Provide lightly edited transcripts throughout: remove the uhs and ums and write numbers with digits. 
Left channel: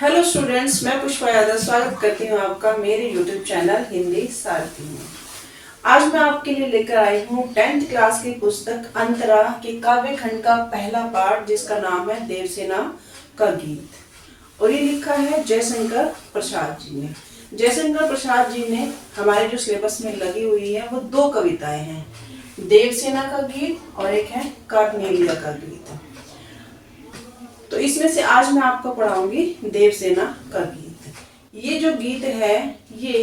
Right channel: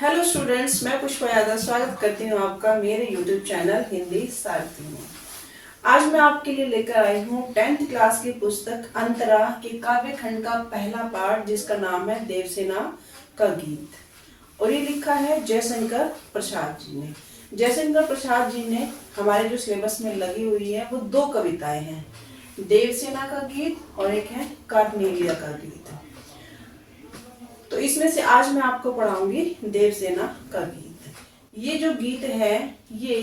Hello students, मैं पुष्पा यादव स्वागत करती हूँ आपका मेरे यूट्यूब चैनल हिंदी सारथी में। आज मैं आपके लिए लेकर आई हूँ 10th क्लास की पुस्तक अंतरा के काव्य खंड का पहला पाठ, जिसका नाम है देवसेना का गीत। और ये लिखा है जयशंकर प्रसाद जी ने। जयशंकर प्रसाद जी ने हमारे जो सिलेबस में लगी हुई है वो दो कविताएं हैं, देवसेना का गीत और एक है कार्नेलिया का गीत। तो इसमें से आज मैं आपको पढ़ाऊंगी देवसेना का गीत। ये जो गीत है ये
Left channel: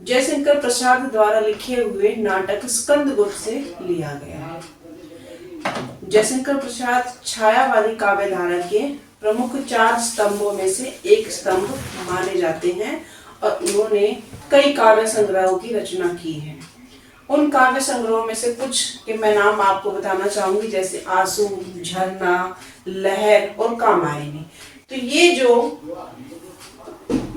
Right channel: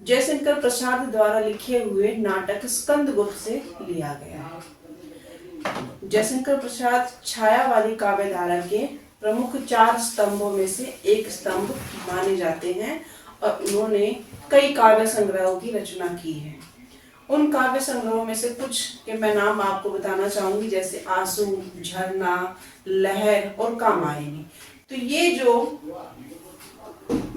जयशंकर प्रसाद द्वारा लिखे हुए नाटक स्कंदगुप्त से लिया गया है। जयशंकर प्रसाद छायावादी काव्यधारा के प्रमुख 4 स्तंभों में से एक स्तंभ माने जाते हैं और उन्होंने कई काव्य संग्रहों की रचना की है। उन काव्य संग्रहों में से कुछ के मैं नाम आपको बताना चाहूंगी, जैसे आंसू, झरना, लहर और कामायनी। तो ये जो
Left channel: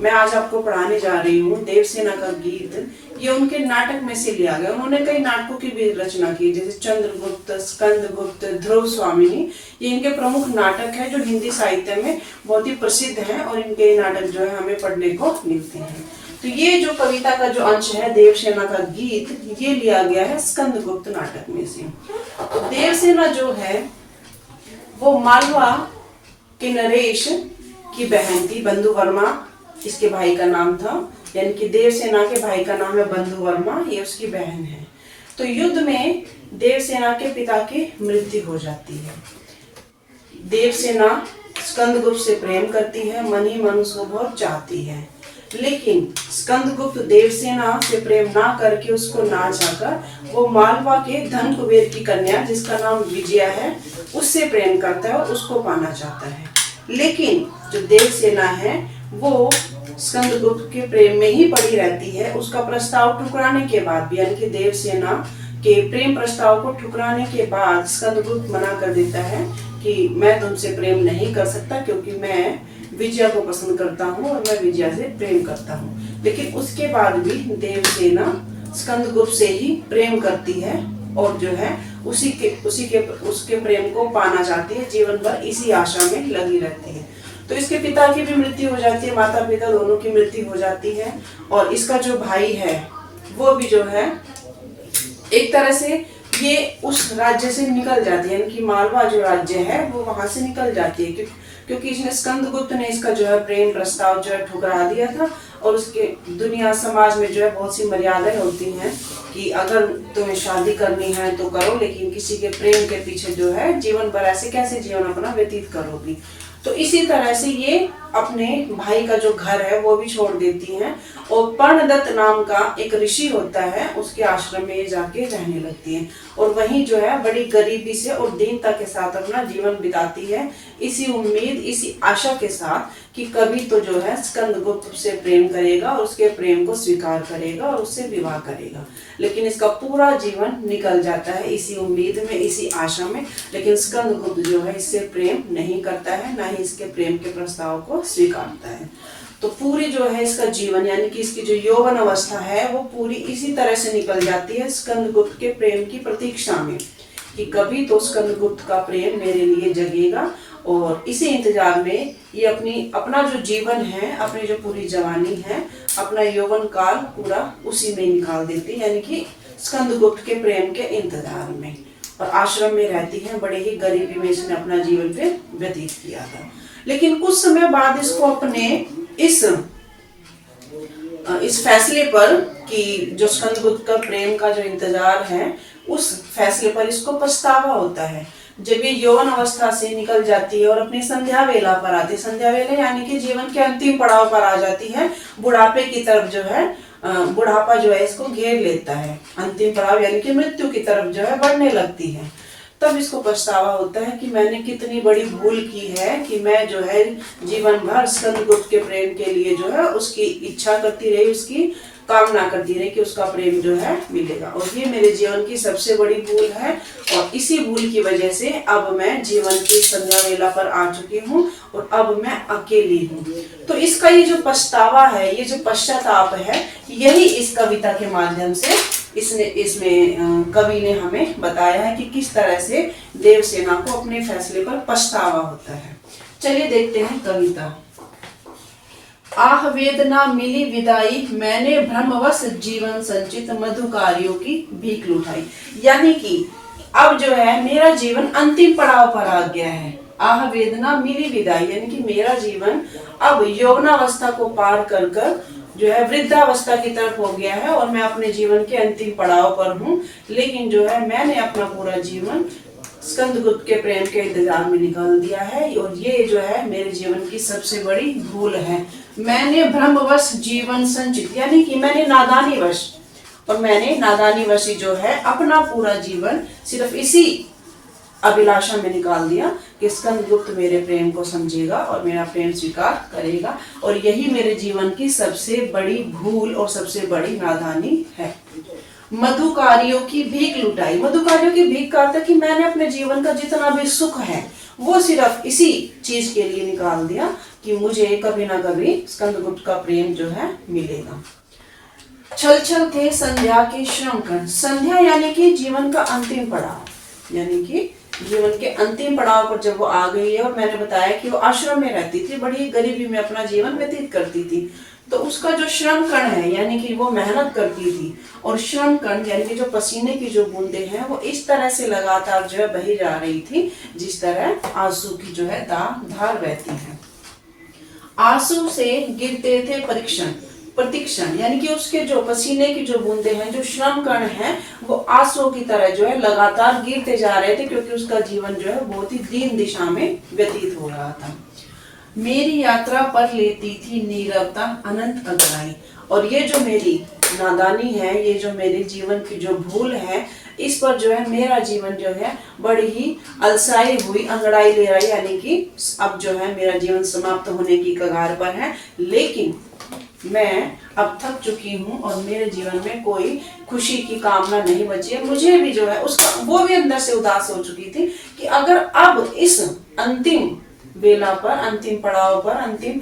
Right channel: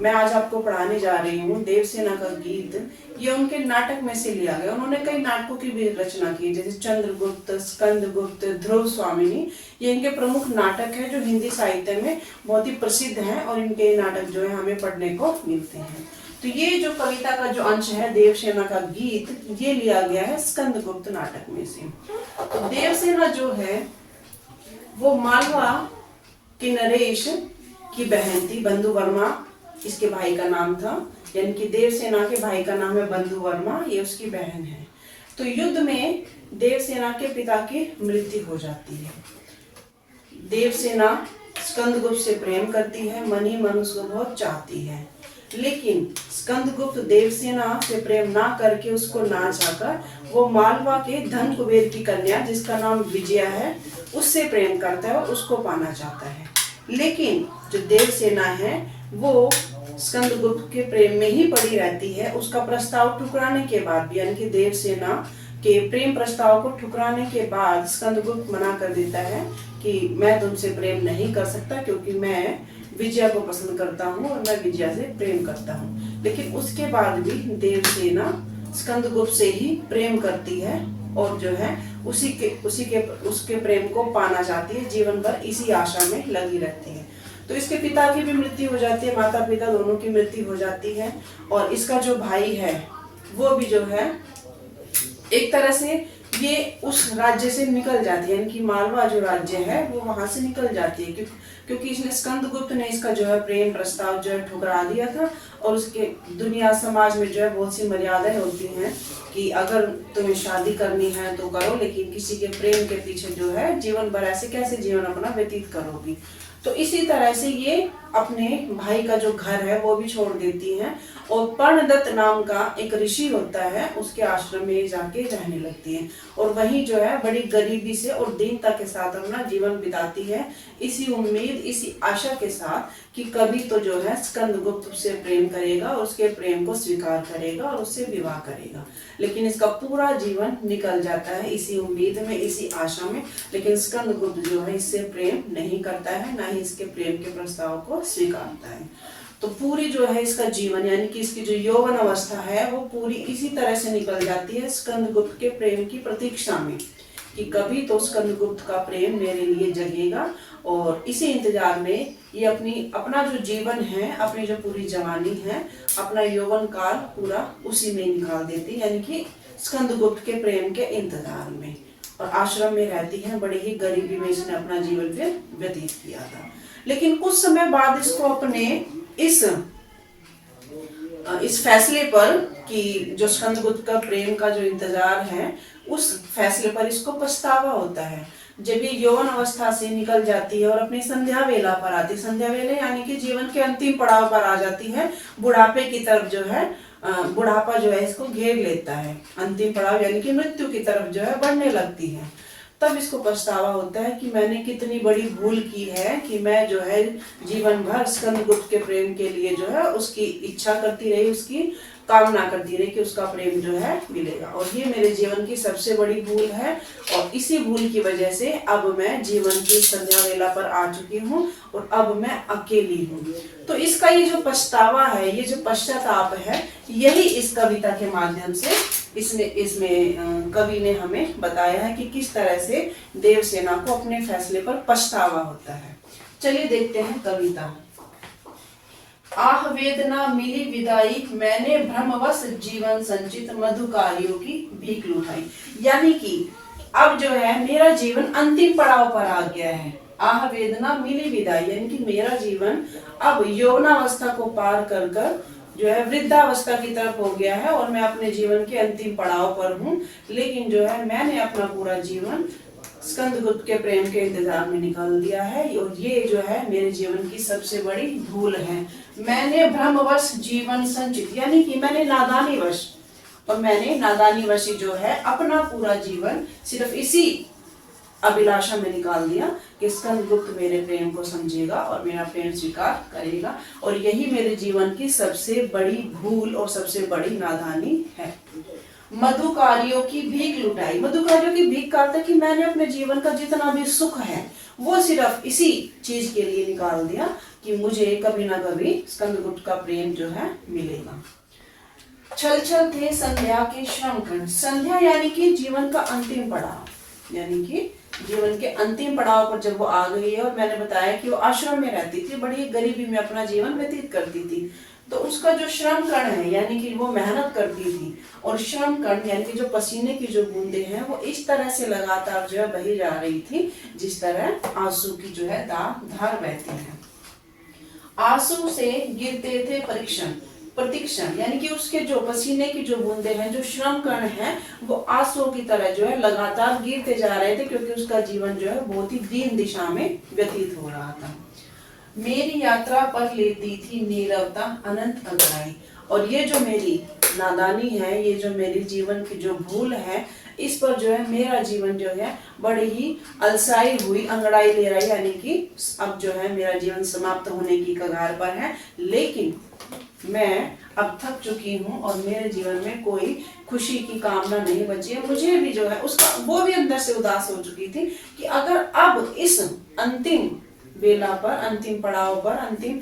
मैं आज आपको पढ़ाने जा रही हूँ देवसेना का गीत, ये उनके नाटक में से लिया गया। उन्होंने कई नाटकों की भी रचना की, जैसे चंद्रगुप्त, स्कंदगुप्त, ध्रुव स्वामिनी। ये इनके प्रमुख नाटक है जो हिंदी साहित्य में बहुत ही प्रसिद्ध हैं और इनके नाटक जो है हमें पढ़ने को मिलते हैं। तो ये जो कविता का जो अंश है देवसेना का गीत, ये लिया गया है स्कंदगुप्त नाटक में से। तो देवसेना जो है वो मालवा के नरेश की बहन थी। बंधु वर्मा इसके भाई का नाम था, यानी कि देवसेना के भाई का नाम है बंधु वर्मा, ये उसकी बहन है। तो युद्ध में देवसेना के पिता की मृत्यु हो जाती है। देवसेना स्कंदगुप्त से प्रेम करती है, मन ही मन उसको बहुत चाहती है, लेकिन स्कंदगुप्त देवसेना से प्रेम ना करके उसको ना चाहकर वो मालवा के धन कुबेर की कन्या, जिसका नाम विजया है, उससे प्रेम करता है और उसको पाना चाहता है। लेकिन जो देवसेना है वो स्कंदगुप्त के प्रेम में ही पड़ी रहती है। उसका प्रस्ताव ठुकराने के बाद भी, यानी कि देवसेना के प्रेम प्रस्ताव को ठुकराने के बाद स्कंदगुप्त मना कर देता है कि मैं तुमसे प्रेम नहीं कर सकता, क्योंकि मैं विजया को पसंद करता हूँ और मैं विजया से प्रेम करता हूँ। लेकिन उसके बाद भी देवसेना स्कंदगुप्त से ही प्रेम करती है और जो है उसके प्रेम को पाना चाहती है। जीवन भर इसी आशा में लगी रहती है। तो इसके पिता की भी मृत्यु हो जाती है, माता पिता दोनों की मृत्यु हो जाती है। और इसका जो भाई है वो भी जो है एक तरह से ये उस राज्य से निकल जाती है, यानी कि मालवा जो राज्य है वो वहां से निकल जाती है, क्योंकि इसने स्कंदगुप्त ने इसका जो है प्रेम प्रस्ताव जो है ठुकरा दिया था। और उसके दुनिया समाज में जो है बहुत सी मर्यादाएं होती हैं कि अगर तुम्हें शादी करनी है तो करो, लेकिन किसी के प्रेम के पीछे जो है जीवन भर ऐसे कैसे जीवन अपना व्यतीत करोगी। तो इसी तरह से ये अपने भाई का जो घर है वो भी छोड़ देती हैं और पर्णदत्त नाम का एक ऋषि होता है, उसके आश्रम में जाके रहने लगती हैं और वहीं जो है बड़ी गरीबी से और दीनता के साथ अपना जीवन बिताती है, इसी उम्मीद, इसी आशा के साथ कि कभी तो जो है स्कंदगुप्त से प्रेम करेगा और उसके प्रेम को स्वीकार करेगा और उससे विवाह करेगा। लेकिन इसका पूरा जीवन निकल जाता है इसी उम्मीद में, इसी आशा में। लेकिन स्कंदगुप्त जो है इससे प्रेम नहीं करता है, ना ही इसके प्रेम के प्रस्ताव को स्वीकारता है। तो पूरी जो है इसका जीवन, यानी कि इसकी जो यौवन अवस्था है वो पूरी इसी तरह से निकल जाती है स्कंदगुप्त के प्रेम की प्रतीक्षा में कि कभी तो स्कंदगुप्त का प्रेम मेरे लिए जगेगा। और इसी इंतजार में ये अपना जो जीवन है, अपनी जो पूरी जवानी है, अपना यौवन काल पूरा उसी में निकाल देती है, यानी कि स्कंदगुप्त के प्रेम के इंतजार में। और आश्रम में रहती है, बड़े ही गरीबी में इसने अपना जीवन पे व्यतीत किया था। लेकिन कुछ समय बाद इसको अपने इस फैसले पर कि जो स्कंदगुप्त का प्रेम का जो इंतजार है, उस फैसले पर इसको पछतावा होता है। जब ये यौवन अवस्था से निकल जाती है और अपनी संध्या वेला पर आती है, संध्या वेला यानी कि जीवन के अंतिम पड़ाव पर आ जाती है, बुढ़ापे की तरफ जो है, बुढ़ापा जो है इसको घेर लेता है, अंतिम पड़ाव यानी कि मृत्यु की तरफ जो है बढ़ने लगती है, तब इसको पछतावा होता है कि मैंने कितनी बड़ी भूल की है कि मैं जो है जीवन भर स्कंदगुप्त के प्रेम के लिए जो है उसकी इच्छा करती रही, उसकी कामना करती रही कि उसका प्रेम जो है मिलेगा। और ये मेरे जीवन की सबसे बड़ी भूल है और इसी भूल की वजह से अब मैं जीवन की संध्या वेला पर आ चुकी हूँ और अब मैं अकेली हूँ। तो इसका ये जो पछतावा है, ये जो पश्चाताप है, यही इस कविता के माध्यम से इसमें कवि ने हमें बताया है कि किस तरह से देवसेना को अपने फैसले पर पछतावा होता है। चलिए देखते हैं कविता। आह वेदना मिली विदाई, मैंने भ्रमवश जीवन संचित, मधुकारियों की भीख लुटाई। यानी कि अब जो है मेरा जीवन अंतिम पड़ाव पर आ गया है। आह वेदना मिली विदाई यानी कि मेरा जीवन अब यौवनावस्था को पार कर कर जो है वृद्धावस्था की तरफ हो गया है और मैं अपने जीवन के अंतिम पड़ाव पर हूँ। लेकिन जो है मैंने अपना पूरा जीवन स्कंदगुप्त के प्रेम के इंतजार में निकाल दिया है और ये जो है मेरे जीवन की सबसे बड़ी भूल है। मैंने भ्रमवश जीवन संचित यानी कि मैंने नादानी वश जो है अपना पूरा जीवन सिर्फ इसी अभिलाषा में निकाल दिया कि स्कंदगुप्त मेरे प्रेम को समझेगा और मेरा प्रेम स्वीकार करेगा, और यही मेरे जीवन की सबसे बड़ी भूल और सबसे बड़ी नादानी है। मधुकारियों की भीख लुटाई, मधुकारियों की भीख का अर्थ है कि मैंने अपने जीवन का जितना भी सुख है वो सिर्फ इसी चीज के लिए निकाल दिया कि मुझे कभी ना कभी स्कंदगुप्त का प्रेम जो है मिलेगा। छल छल थे संध्या के श्रम कण, संध्या यानी कि जीवन का अंतिम पड़ाव, यानी कि जीवन के अंतिम पड़ाव पर जब वो आ गई है और मैंने बताया कि वो आश्रम में रहती थी, बड़ी गरीबी में अपना जीवन व्यतीत करती थी, तो उसका जो श्रम कण है यानी कि वो मेहनत करती थी और श्रम कण यानी कि जो पसीने की जो बूंदें हैं वो इस तरह से लगातार जो है बही जा रही थी जिस तरह आंसू की जो है धार बहती है। आंसू से गिरते थे प्रतीक्षण यानी कि उसके जो पसीने की जो बूंदे हैं, जो श्रम कण हैं, वो आंसू की तरह जो है लगातार गिरते जा रहे थे क्योंकि उसका जीवन जो है बहुत ही दीन दिशा में व्यतीत हो रहा था। मेरी यात्रा पर लेती थी नीरवता अनंत अगुवाई, और ये जो मेरी नादानी है, ये जो मेरे जीवन की जो भूल है, इस पर जो है मेरा जीवन जो है बड़ी ही अलसाई हुई अंगड़ाई ले रहा है, यानी कि अब जो है मेरा जीवन समाप्त होने की कगार पर है। लेकिन मैं अब थक चुकी हूँ और मेरे जीवन में कोई खुशी की कामना नहीं बची है। मुझे भी जो है उसका वो भी अंदर से उदास हो चुकी थी कि अगर अब इस अंतिम वेला पर, अंतिम पड़ाव पर, अंतिम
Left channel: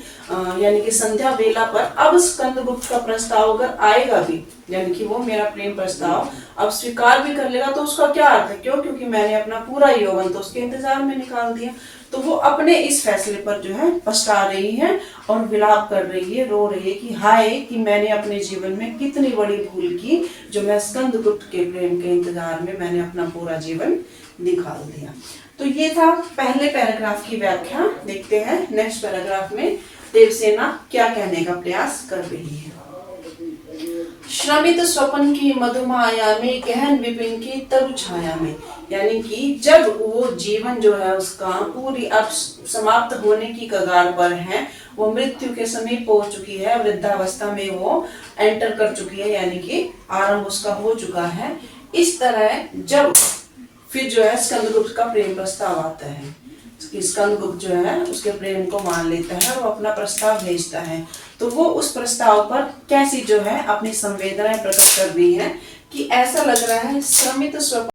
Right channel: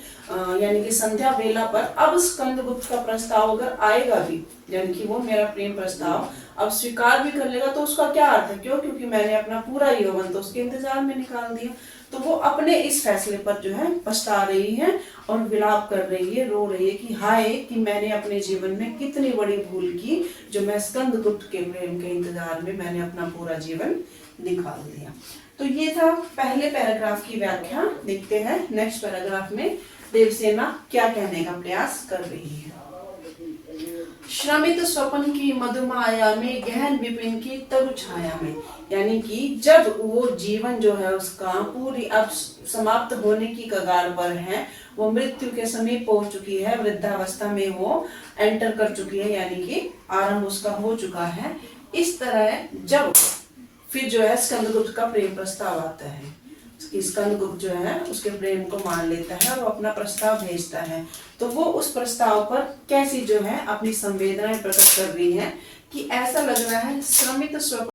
यानी कि संध्या वेला पर अब स्कंदगुप्त का प्रस्ताव अगर आएगा भी, यानी कि वो मेरा प्रेम प्रस्ताव अब स्वीकार भी कर लेगा, तो उसका क्या अर्थ है? क्योंकि मैंने अपना पूरा यौवन तो उसके इंतजार में निकाल दिया। तो वो अपने इस फैसले पर जो है पछता रही है और विलाप कर रही है, रो रही है कि हाय कि मैंने अपने जीवन में कितनी बड़ी भूल की, जो मैं स्कंदगुप्त के प्रेम के इंतजार में मैंने अपना पूरा जीवन निकाल दिया। तो ये था पहले पैराग्राफ की व्याख्या। देखते हैं नेक्स्ट पैराग्राफ में देवसेना क्या कहने का प्रयास कर रही है। श्रमित स्वप्न की मधुमाया में, गहन विपिन की तरु छाया में, यानी कि जब वो जीवन जो है उसका पूरी अब समाप्त होने की कगार पर है, वो मृत्यु के समीप पहुंच चुकी है, वृद्धावस्था में वो एंटर कर चुकी है, यानी कि आरंभ उसका हो चुका है। इस तरह जब फिर जो है स्कंदगुप्त का प्रेम प्रस्ताव आता है, स्कंदगुप्त जो है उसके प्रेम को मान लेता है और अपना प्रस्ताव भेजता है, तो वो उस प्रस्ताव पर कैसी जो है अपनी संवेदनाएं प्रकट कर रही है कि ऐसा लग रहा है श्रमित स्वप्न